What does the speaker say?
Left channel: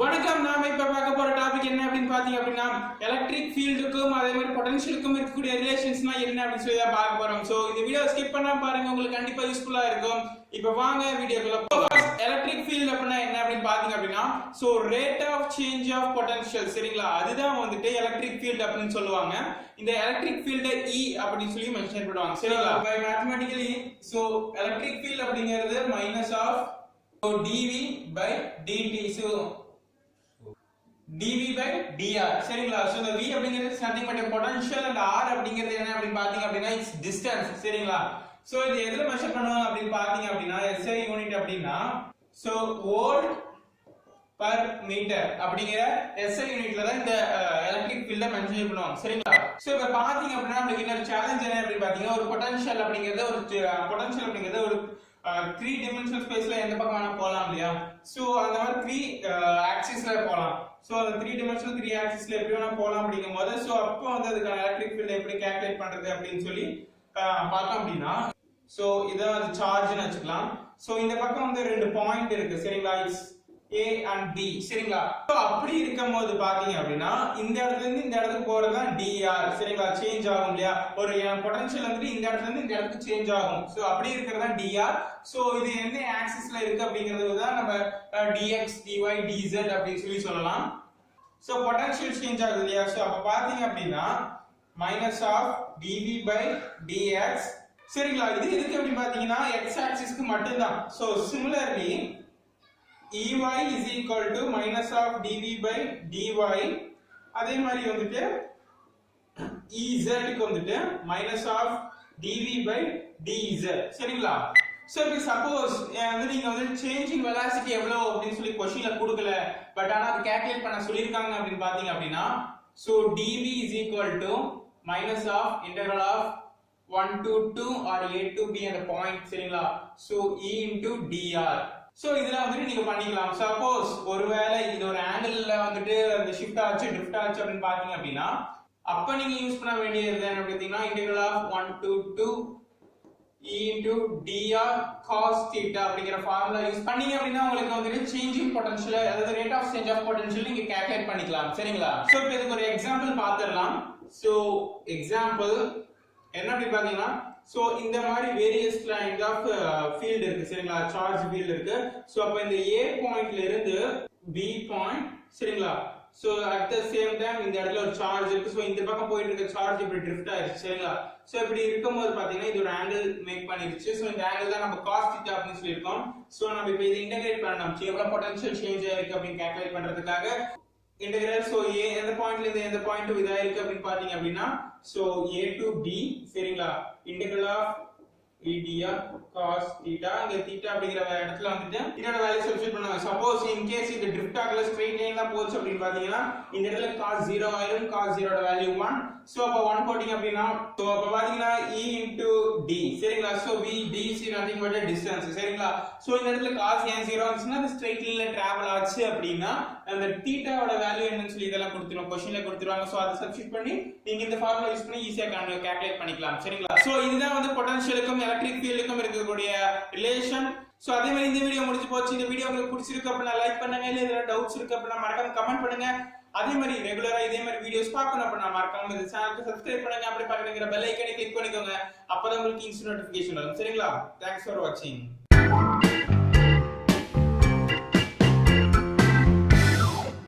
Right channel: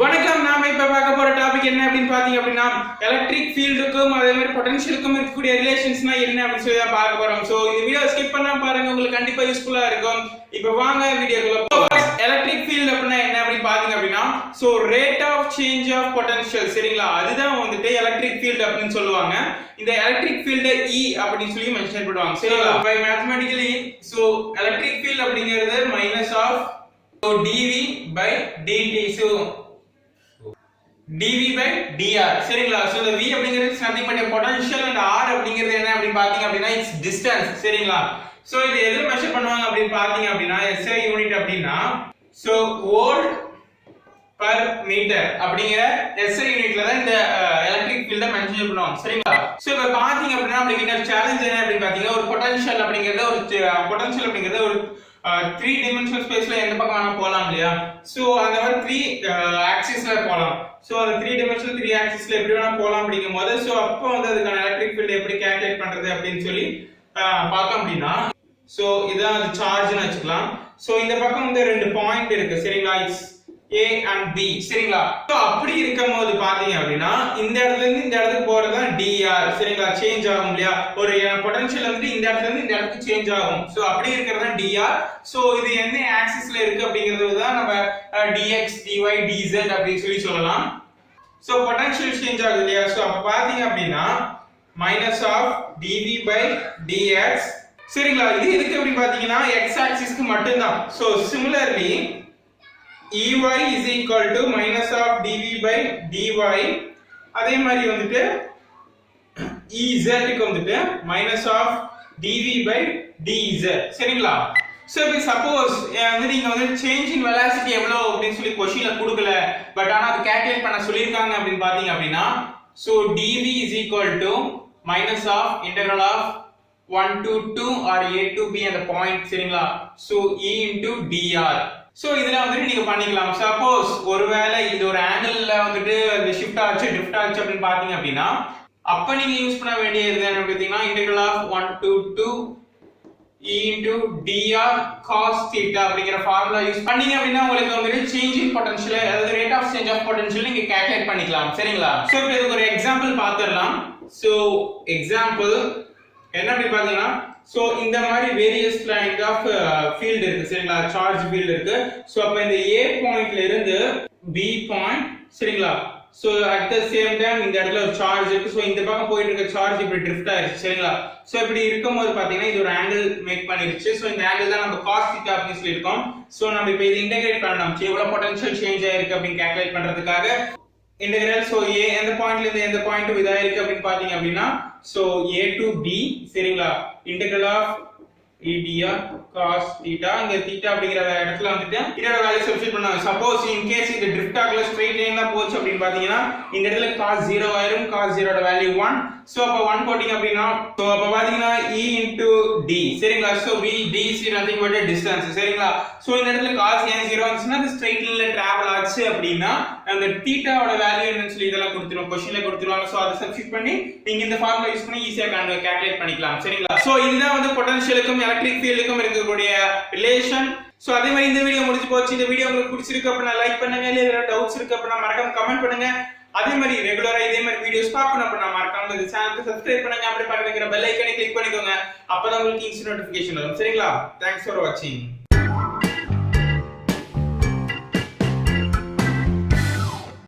வணக்கம். நாம இப்ப பார்க்க போற டாபிக் என்ன அப்படின்னு பாத்தீங்க அப்படின்னா எலக்ட்ரிக் ஃபீல்டுக்கும் அதே மாதிரி பொட்டன்ஷியலுக்கும் இருக்கக்கூடிய ரிலேஷன்ஸ்னா என்ன அப்படின்னு சொல்லி தான் பார்க்க போறோம். சோ இந்த வீடியோ ஸ்கிப் பண்ணாம பாருங்க, உங்களுக்கு கண்டிப்பா யூஸ்ஃபுல்லா இருக்கும். இப்போ வாங்க வீடியோக்குள்ள போலாம். எலக்ட்ரிக் ஃபீல்ட் அப்படினா என்ன அப்படின்னு பாத்தீங்க அப்படின்னா so rate of change of potential, சரிங்களா? அதுதான் வந்துட்டு எலக்ட்ரிக் ஃபீல்ட் அப்படின்னு சொல்லுவாங்க. இந்த எலக்ட்ரிக் ஃபீல்ட E அப்படின்னு சொல்லி மென்ஷன் பண்ணுவாங்க, சரிங்களா? By mathematically so electric field அப்படிங்கிறது minus of dV by dt. so dV by dr, சரிங்களா? சோ இந்த V அப்படிங்கிறது nothing but a potential and r அப்படிங்கிறது என்ன அப்படி பாத்தீங்க அப்படினா இட்ஸ் டிஸ்டன்ஸ், சரிங்களா? சோ இது எதுல மெஷர் பண்ணுவாங்க அப்படி பாத்தீங்க அப்படினா SI யூனிட் அப்படினா சோ வோல்ட் பர் மீட்டர் அப்படிங்கிற SI யூனிட்ல தான் இந்த எலக்ட்ரிக் ஃபீல்ட மென்ஷன் பண்ணுவாங்க, சரிங்களா? சோ இப்ப பாத்தீங்க அப்படினா நமக்கு இன்னொரு சேலஞ்ச் என்ன அப்படி பாத்தீங்கன்னா ஒரு பொட்டன்ஷியல் அப்படிங்கிறது ஒரு 3 dimensional ஸ்பேஸ்ல எந்த பக்கம் வேணா போலாம் இல்லையா? சோ அந்த மாதிரி 3 ஆக்சிஸ்ல போலாம். சோ அந்த 3 dimensional 3 ஆக்சிஸ்ல எப்படி வேணா போலாம் அப்படிங்கும்போது சோ அப்போ வந்து அதுக்கான எலக்ட்ரிக் ஃபீல்ட் எப்படி கால்குலேட் பண்றது அப்படின்னு சொல்லி பார்த்தோம் அப்படின்னா சோ இதான் அது சார்ஜ்னு வெச்சுக்கலாம். சோ இந்த பக்கம் வந்து ரெண்டு பாயிண்ட் இருக்கு, சரிங்களா? இட்ஸ் A and B, சரிங்களா? சோ அப்படி இருக்கும்போது பாத்தீங்க அப்படின்னா இந்த இடத்துல இருந்து இந்த இடத்துக்கு போறது தான் dr, சரிங்களா? சேஞ்ச் ஆகும் இல்லையா? ஒரு பொட்டன்ஷியல் வந்து இந்த இடத்துல இருந்து இந்த இடத்துக்கு சேஞ்ச் ஆகும். சோ அப்படி இருக்கிறது தான் dr. சோ இது என்ன ஆக்சிஸ்ல இருக்கு அப்படிங்கிறது தான் நம்ம dx dy dz அப்படி சொல்லலாம். சோ பொட்டன்ஷியல் சேஞ்ச் ஆகுது இல்லையா? சோ அப்ப பாத்தீங்க அப்படின்னா minus of dv by dx, சரிங்களா? இது எதுக்கு அப்படி பாத்தீங்கன்னா x ஆக்சிஸ்க்கு மட்டும் தான். So similarly Ey is equal to minus of dv by dy, அதே மாதிரி வந்துட்டு Ez க்கு வந்துட்டு minus of dv by dz, சரிங்களா? சோ இப்போ சப்போஸ் வந்து நீங்க வந்து சேஞ்ச் இன் வெலாசிட்டி எவ்வளவு அப்படினு சொல்லி क्वेश्चनல கொடுக்கல, பட் ஆனா அது கால்குலேட் பண்ண சொல்லிருக்காங்க அப்படினு பாத்தீங்க அப்படினா so dv is equal to minus of integral of 1 to 2 or a to b அந்த பாயிண்ட், சரிங்களா? So E into dr. So இதெல்லாம் வந்து நீங்க பண்ணிக்கலாம். சப்போஸ் ஒருவேளை இது ஒரு ஆங்கிள்ல வந்துட்டு ஷிஃப்ட் ஆச்சு ட்ரிஃப்ட் ஆச்சு அப்படினு பாத்தீங்க அப்படினா அப்ப நீங்க யூஸ் பண்ண வேண்டியது என்ன அப்படினா integral of 1 to 2 E into dr cos theta அப்படிங்கற ஃபார்முலா யூஸ் பண்ணீங்க அப்படினா உங்களுக்கு வந்து சேஞ்ச் இன் பொட்டன்ஷியல் அதாவது rate of change of potential நீங்க கால்குலேட் பண்ணிக்கலாம், சரிங்களா? சோ இப்போ இதுக்கு ஒரு எக்ஸாம்பிள் பாத்துறலாம். சோ எக்ஸாம்பிள் என்ன அப்படி பாத்தீங்கன்னா சோ இந்த மாதிரி வேரியஸ் கைண்ட் ஆஃப் ஃபீல்ட் இருக்கு, சரிங்களா? சார்ஜ் ஃபீல்ட் இருக்கு. சோ அப்ப இந்த A பாயிண்ட்ல இருந்து B பாயிண்ட், சரிங்களா? So at the same time இந்த இடத்துல ஒரு சார்ஜ் இருக்கு. சோ இந்த பக்கம் போயிட்டு இருக்க சார்ஜ் இப்படி ட்ரிஃப்ட் ஆயிருச்சு, சரிங்களா? சோ இப்படி இருக்கும்போது பாத்தீங்கன்னா இது ஒரு ஆங்கிள் மேக் பண்ணிருச்சு. சோ இந்த ஆங்கிள் தான் நம்ம cos θ அப்படின்னு சொல்லிருக்கோம். சோ நம்ம இப்போ இது இன்டகிரேட் பண்ணலாம். எவ்வளவு பொட்டன்ஷியல் சேஞ்ச் ஆயிருக்கு அப்படின்னு கால்குலேட் பண்றதுக்காக இன்டகிரல் சோ A எந்த பாயிண்ட்ல இருந்து எந்த பாயிண்ட் இதா இருக்கு அப்படின்னு பாத்தீங்க அப்படினா சோ A to B, சரிங்களா? integral of dr cos theta, இங்க theta அப்படிங்கற இடத்துல வந்துட்டு இதோட வேல்யூ சப்ஸ்டிட்யூட் பண்ணாங்க. சப்போஸ் இன் கேஸ் இது ட்ரிஃப்ட் ஆகல ஸ்ட்ரைட் லைன்ல போச்சு அப்படினு பாத்தீங்கன்னா இந்த இடத்துல cos 0 ஆயிரும். cos 0 ஓட வேல்யூ 1. சோ அப்ப 1 போடிங்க அப்படினா சோ அப்ப பாத்தீங்கன்னா E into d, சரிங்களா? So V d is nothing but a distance, சரிங்களா? சோ இந்த இடத்துல cos ஏன் 0 வந்துச்சுனா அது ஸ்ட்ரைட் லைன்ல டிராவல் ஆச்சு அப்படினா அந்த θ ஓட வேல்யூ என்னன்னு சொல்லி இதெல்லாம் கொடுத்துருவாங்க, क्वेश्चनல கொடுத்துருவாங்க. சோ அத சப்ஸ்டிட்யூட் பண்ணி நீங்க இந்த ஃபார்முலா யூஸ் பண்ணி ஈஸியா கால்குலேட் பண்ணிக்கலாம், சரிங்களா? சோ இதுதான் வந்து பொட்டன்ஷியலுக்கும் எலக்ட்ரிக் ஃபீல்டுக்கும் இருக்கக்கூடிய ரிலேஷன். சோ அதே மாதிரி இந்த வீடியோ முடிஞ்சு போச்சு. இந்த வீடியோ உங்களுக்கு பிடிச்சிருக்கு அப்படினா லைக் பண்ணுங்க. இல்ல ஏதாவது டவுட்ஸ் இருக்கு அப்படினா மறக்காம கமெண்ட் பண்ணுங்க. அதே மாதிரி ரெகுலரா இதே மாதிரி வீடியோஸ் பார்க்கணும் அப்படினா மறக்காம இந்த சேனலுக்கு சப்ஸ்கிரைப் பண்ணுங்க. அப்படியே பக்கத்துல இருக்கிற பெல் ஐகானை கிளிக் பண்ணிக்கோங்க. அப்பதான் உங்களுக்கு இன்ஸ்டன்ட் நோட்டிஃபிகேஷன் வரும், சரிங்களா? Thanks for watching.